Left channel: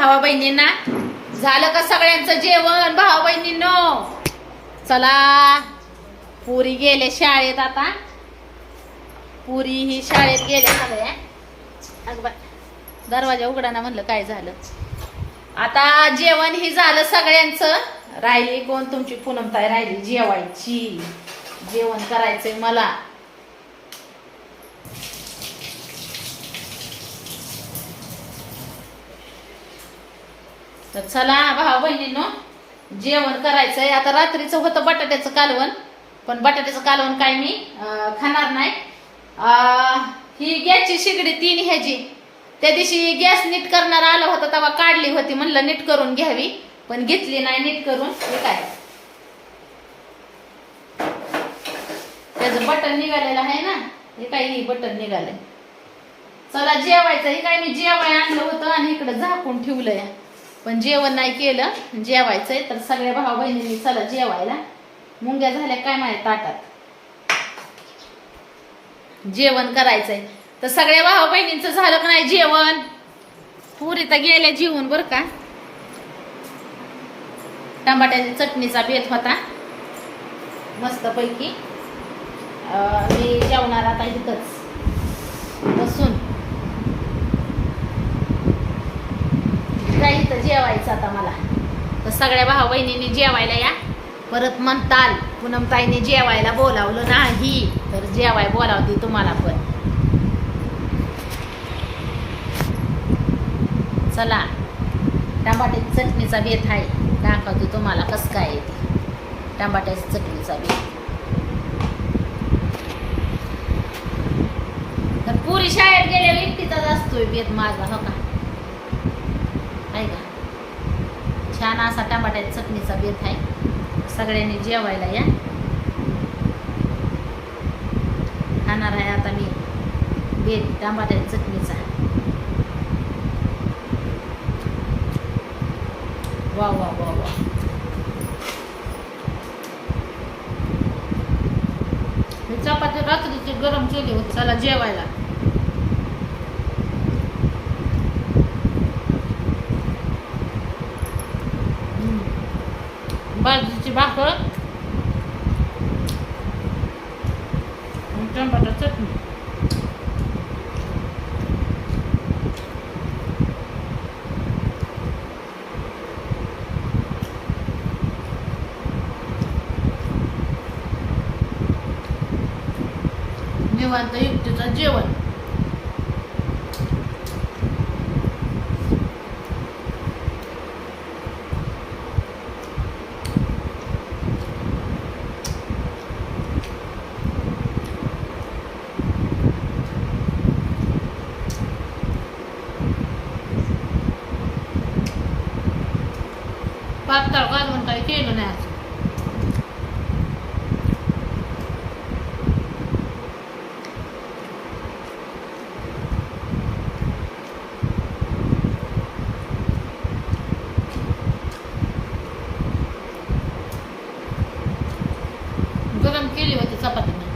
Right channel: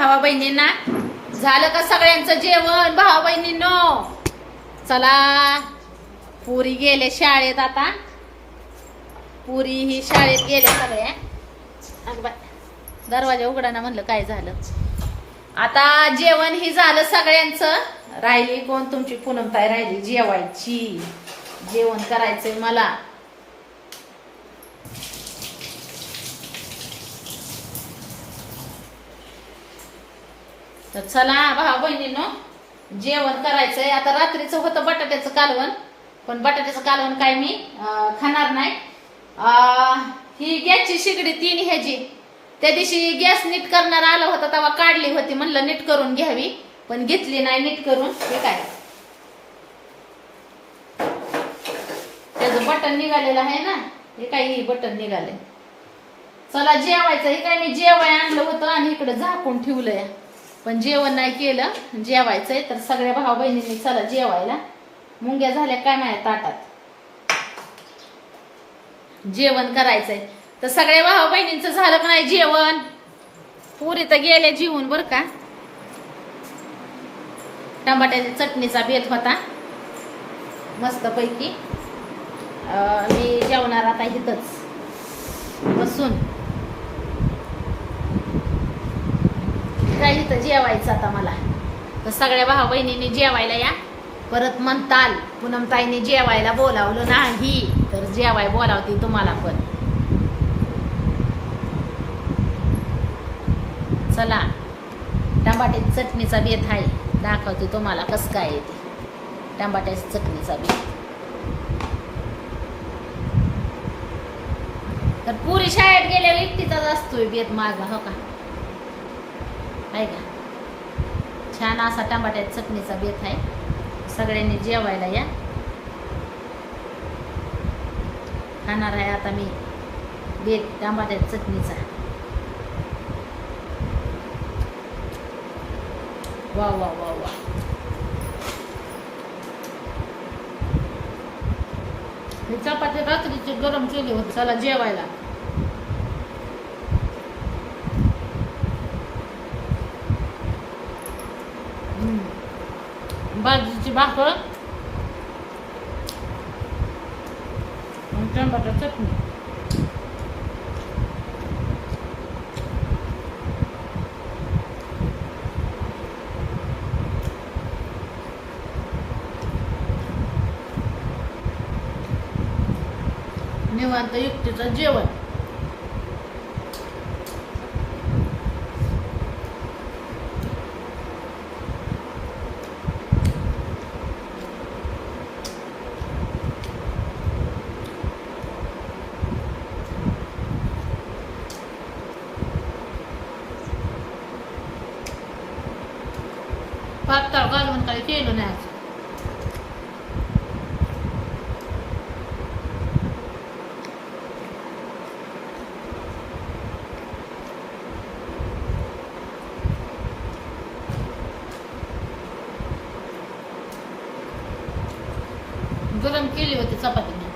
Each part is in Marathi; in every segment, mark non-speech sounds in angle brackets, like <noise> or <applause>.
भावा बहिणींना? झालं का सगळ्यांचं जेवण भावा बहिणींनो? चला. पुरी गेले शाळेत आता. पुरी ही शाळेत गेल्या सगळ्या अगं बाय दरवाजा उघडा ना म्हणलं काय झालं. आता जेवण ही झालं सगळ्यांचं. राहिली कोण तुमची पूनमताई? राहिली जेवायची. जेवण करायचंय मला. तर चला भाऊ बहिणींनो जेवण करायचंय. आता रात्रीचं होतं बटाट्याचं कालवण पण बटाट्याचं कालवण काय मी खाणार नाही. ही गॅसची शिगडी तीन ह्याची. त्या दिवशी गॅस नीट करणार आला होता तेव्हा काढली होती म्हणलं नीट करून घ्यावी पण घेतली नाही नीट करून. हे काय? त्याचं बटन निघालेलं आहे ना? हे काही बटन निघालंय. चला जेवायचं. हे काय मी जेवाय आणलं होतं आणि इकडे झाकून ठेवलंय. पण जेवण नाही केलं जेवायचंय तर सगळ्या भाऊ बहिणींनी चला जेवायला. मुंग्या झाल्या काय माझ्या ताटात? जेवण करायचंय. तर सगळ्या भाऊ बहिणींचं झालं का नाही जेवण? पुरी तर गेल्या जीवन बर का? टमाट्याच्या चटणीचा बेत होता. मस्त पैकी मी जेवणार आता इथंच. बसून काय इथं जेवायचं आता मला. तर सगळ्या भाऊ बहिणींनी जेवायला या. परत म्हणताल पूनमताईने जेवायला बोलावलं नाही तर जेवाय बोलावती तुम्हाला पण. चला टमाट्याची चटणीचा बेत आहे. दाखवते तुम्हाला कसं काय येते टमाट्याची चटणीचा बेत. तर पुरी शाळेत गेल्यावर एकटीचाच असतोय बेत माझा हो का? आहे का? छान असा टमाट्याच्या चटणीचा बेत आहे. सगळ्यांनी जेवायला या. खाणार आहे आता मी बेत टमाट्याच्या चटणीचा. वा वा वा वा हे चपाती रात्रीची गरम केली होती चला जेवायला. हम्म. बाजरीची भाकर आणि टमाटर चटणी निवांत युक्तीचं जेवण पातळ घालून काही केलं नाही असं गरम केली होती चपाती चहा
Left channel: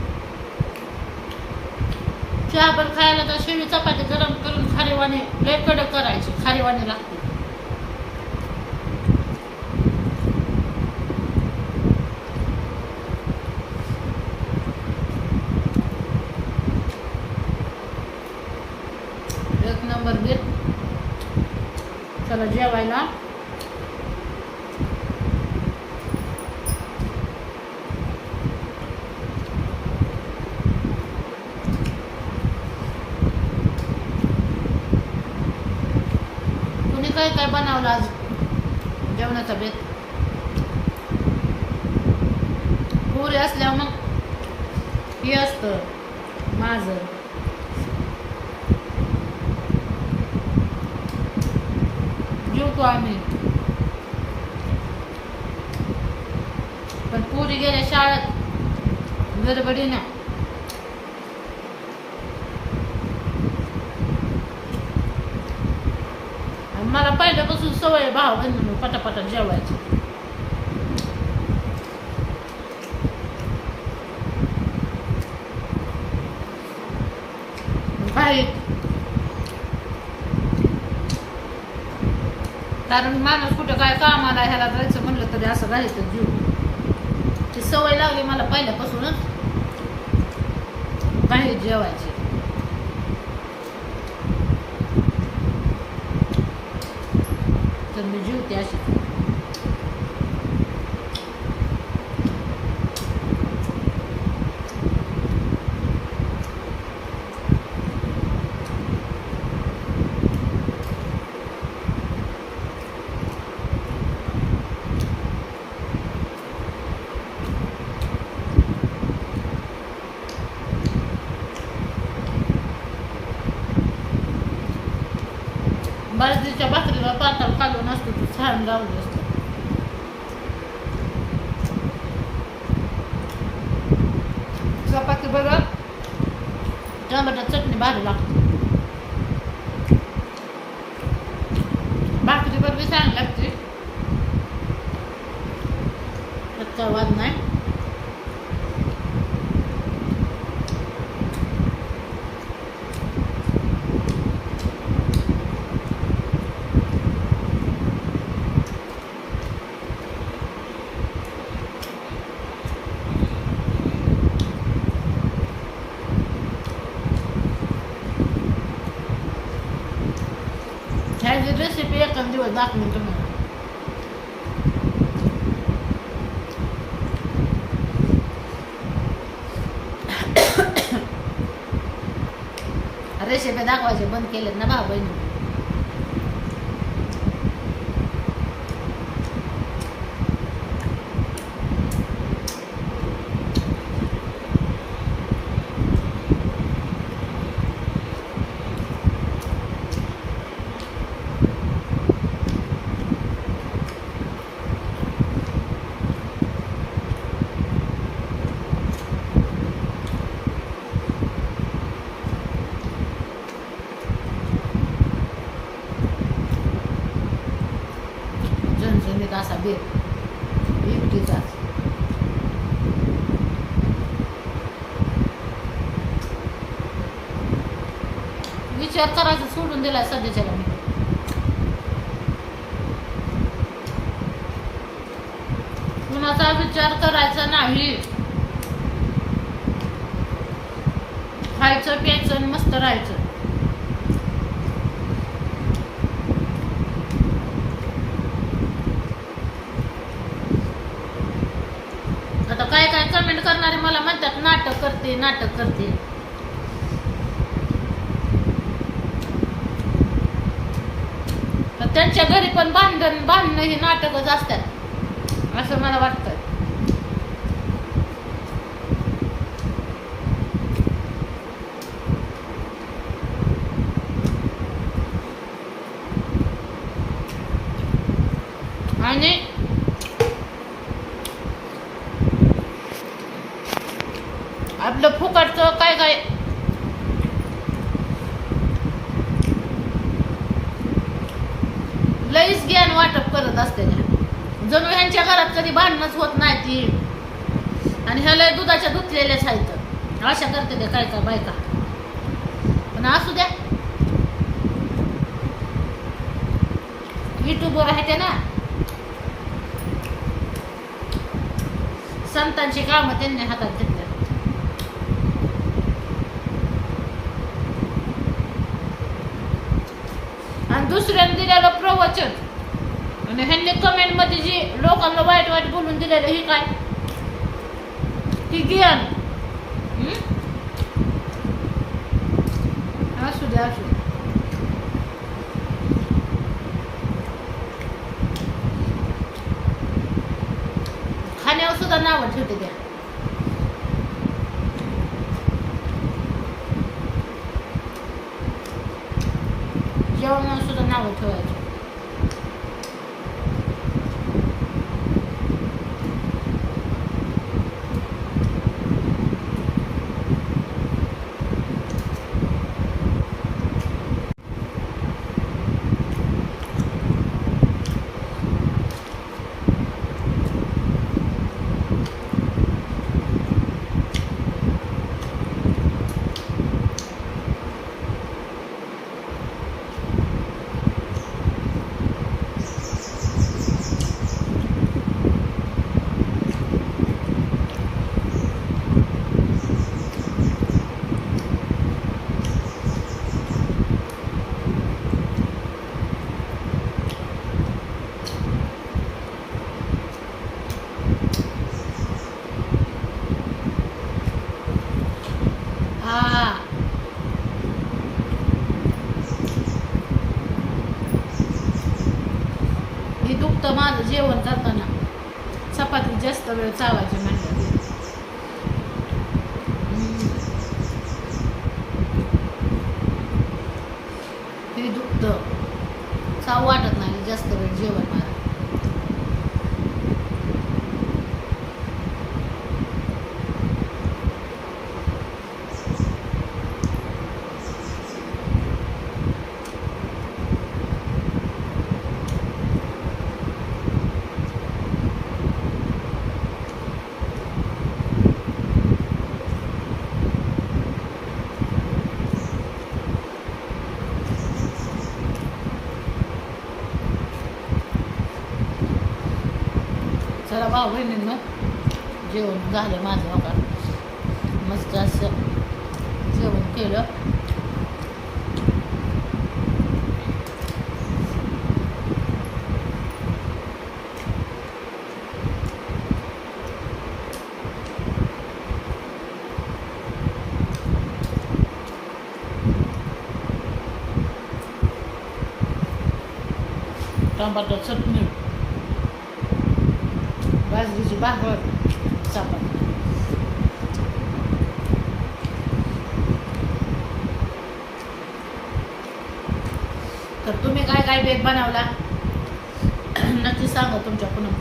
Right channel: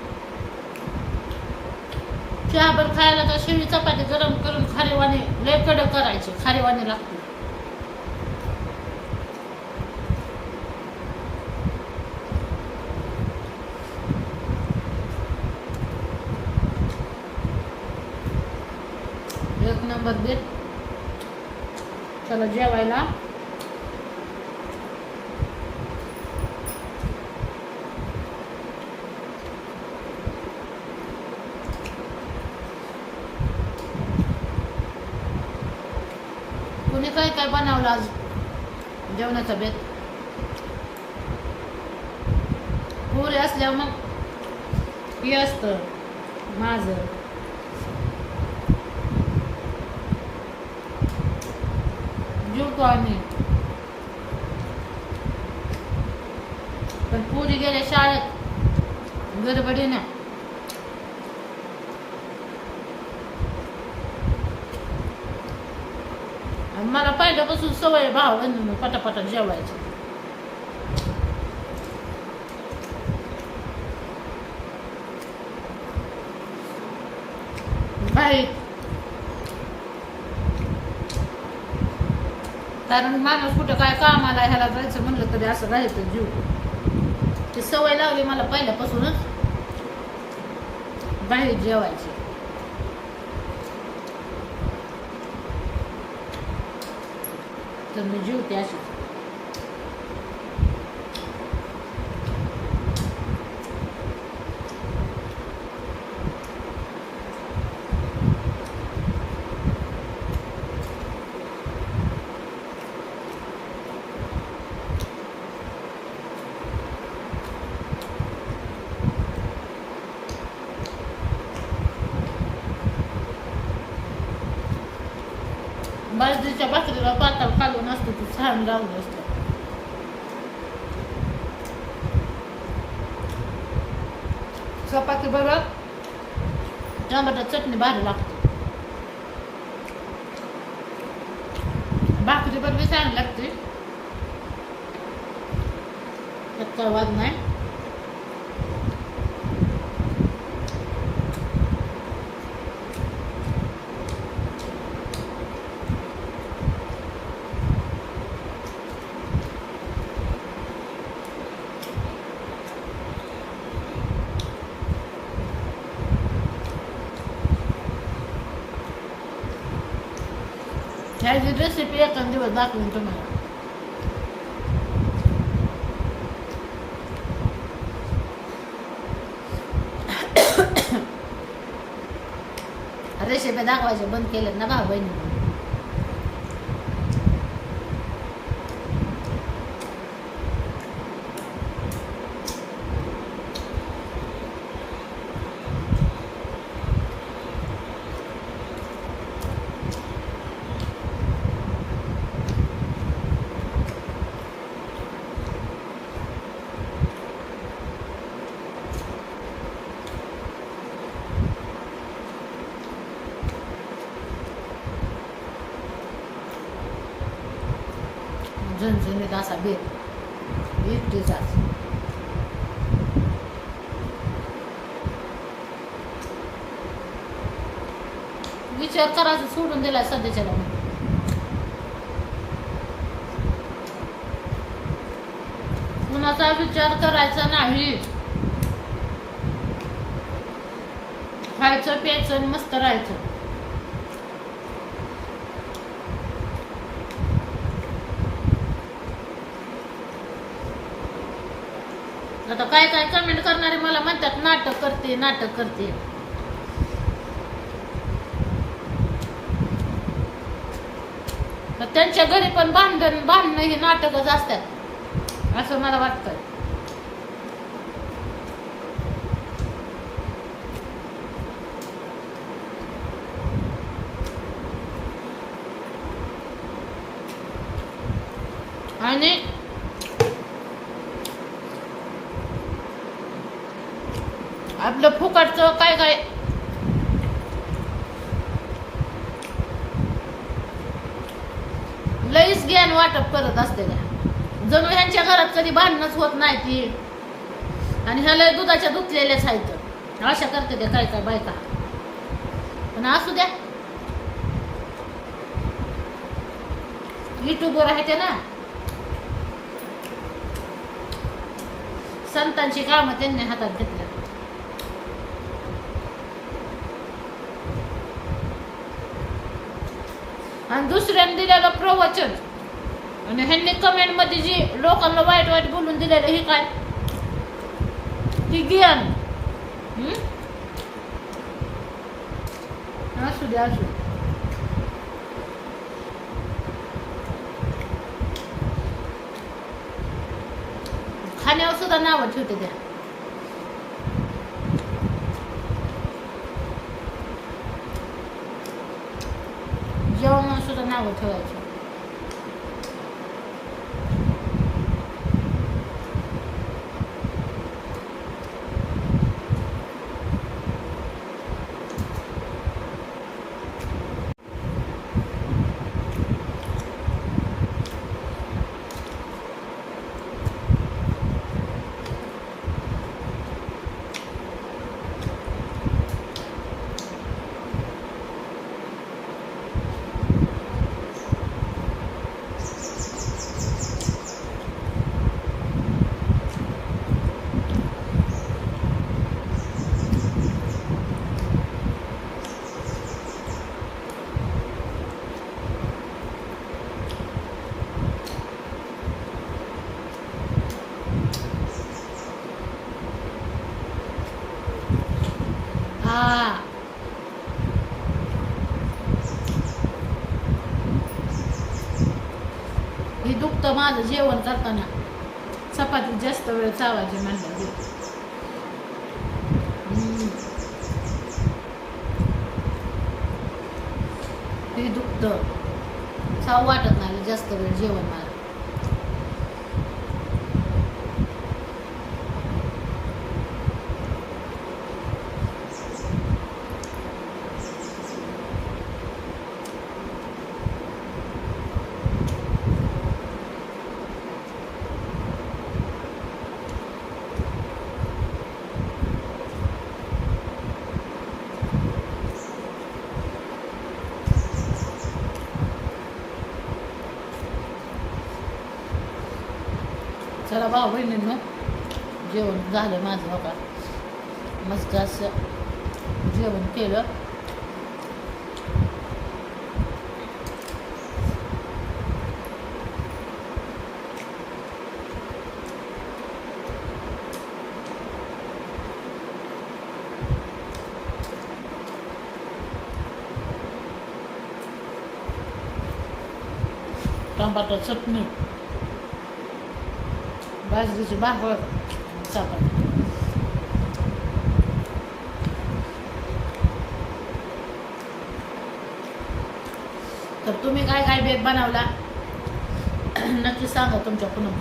चहाबर खायला तर शेवी चपाती गरम करून खारीवाणी लय कडक करायची खारीवाणी लागते. एक नंबर बीट चला जेवायला. तुम्ही काय काय बनवलं आज? जेवणाचा बेत. पुरे असल्यावर मग हे असतं माझं जेवतो आम्ही. पण पुरी गेल्या शाळेत. गडबडीनं. ना मला पहिल्यापासून सवय भाव बहिणीनं पटापटा जेवायची. भाई कारण माणूस कुठं काय कामाला ह्याला जायचं म्हणलं तरी असं राहायचं जीव. ती सवय लागली मला पहिल्यापासूनच. बाहेर जेवायची. तर मी जीवते अशी बाजरीच्या भाकरीला पाताळ कालवून असतो तो छान लावलं असतं. चपाती बरोबर? टमाटा चटणी भारी लागते. भाकरी बरोबर चांगली लागते. त्यात काय वाद नाही ह्याची रेसिपी एका दिवस दाखवून तुम्हाला रेसिपी दाखवायचे बंद केलेत ना भाऊ बहिणी झणझणीत असा बेत एकटीचाच विचार करायचा सोडून दिला सध्याच्याला मी. कुणाचा विचार करायचा नाही. खायचं प्यायचं आणि मस्त राहायचं आता काय काय कमेंट करणारे मला म्हणतात नाटक करते नाटक करते. तर त्यांच्या घरी पण बांधण बांधणं ही नाटकच असतात असं मला वाटतंय. आणि करतो काय काय? लईच ज्ञान वाटप करत असते त्या. जणू ह्यांच्या घरात कधी भांडणच होत नाही ती. आणि ह्या लय दुधाच्या धुतलेल्याच आहेत अशा करते ते काय काय बायका. पण असू द्या. युट्यूबवर आहे ते ना. संतांची कामं त्यांनी हातात घेतली. आणि दुसऱ्याने दिलेलं प्रवचन. आणि ह्यांनी कमेंटमध्ये जी लोकांना वाईट वाईट बोलून दिलेलं हे काय? ती ज्ञान. असू दे असू दे. खाण्यावर सुद्धा नावं ठेवते त्या. जेवणावर सुद्धा नावं ठेवायची हे दुखतं माझं जेवण करताना. चपाती जास्त वेळ चावायची म्हणलं ते दुखतं. चाव वाटत नाही जास्त वेळ जेवण मला चला भाऊ बहिणींनो जेवण झालं माझं हो का मस्त असं जेवण केलं टमाटर चटणी बाजरीची भाकर चपाती तर तुम्ही काय काय बेत बनवला? <clears throat> नक्की सांगा तुमच्या पुनम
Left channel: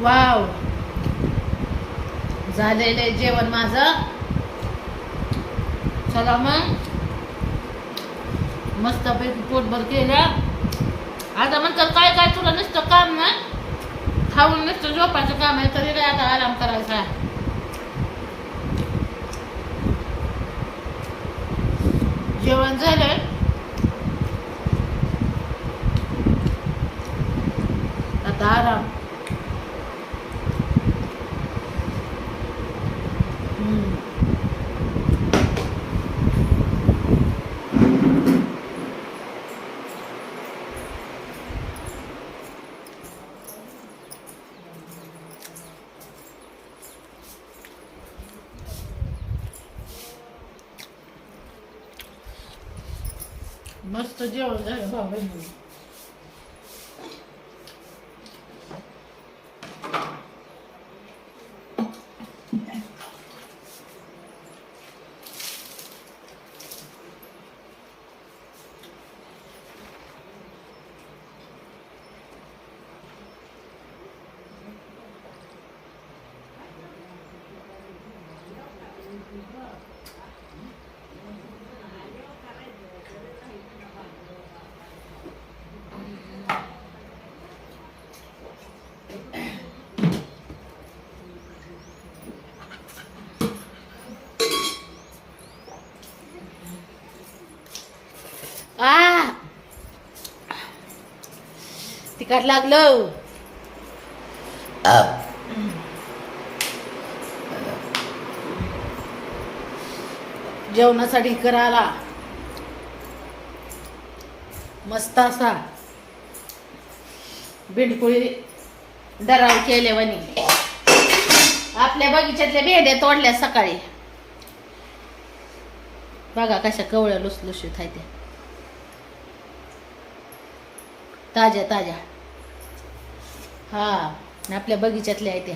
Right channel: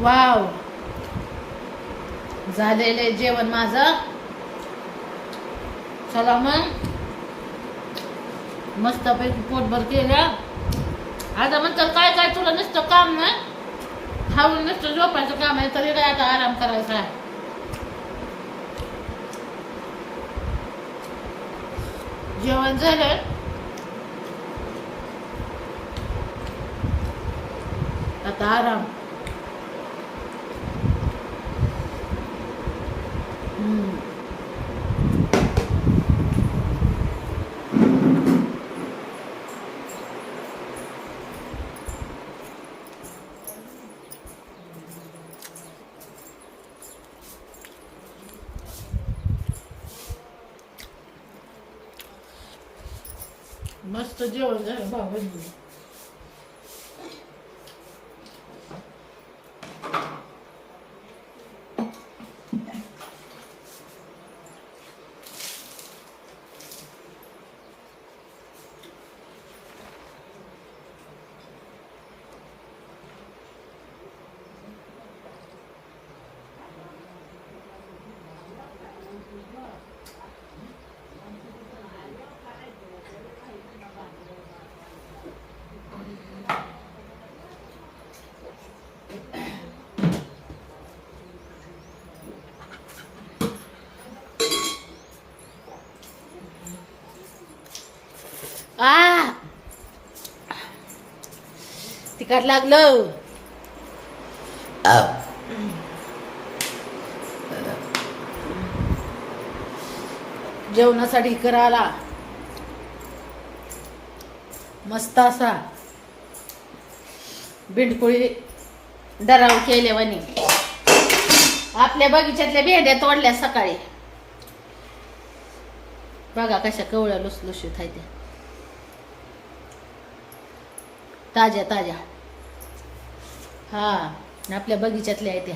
वाव. झालेले जेवण माझं. चला मग. मस्तपैकी पोटभर केलं. आता म्हणतात काय काय तुला नुसतं काम ना खाऊन नुसतं झोपायचं काम आहे तरी काय आता आराम करायचा. जेवण झालं आता आराम. मस्त जेवण झालं भाऊ बहिणी आ. तिखट लागलं. जेवणासाठी करायला. मस्त असा. बिंडकुळी डराव केले वाणी आपल्या बगीच्यातल्या भेंड्या तोडल्या सकाळी. बघा कशा कवळ्या लुसलुशीत आहे त्या. ताज्या ताज्या. हा आपल्या बगीच्यातल्या आहेत त्या.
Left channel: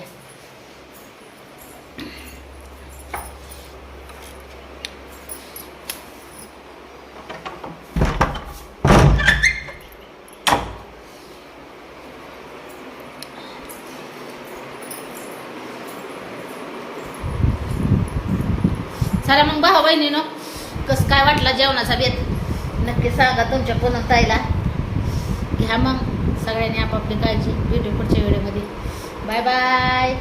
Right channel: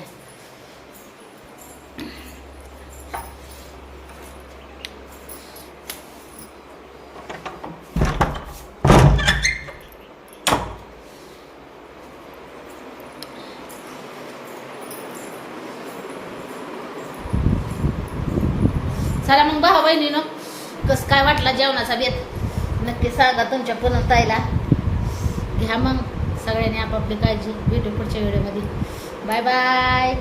सारा मग भाऊ बहिणी कसं काय वाटला जेवणाचा बेत? नक्की सांगा तुमच्या ताईला. घ्या मग. सगळ्यांनी आपापली काळजी. भेटू पुढच्या व्हिडिओमध्ये. Bye bye.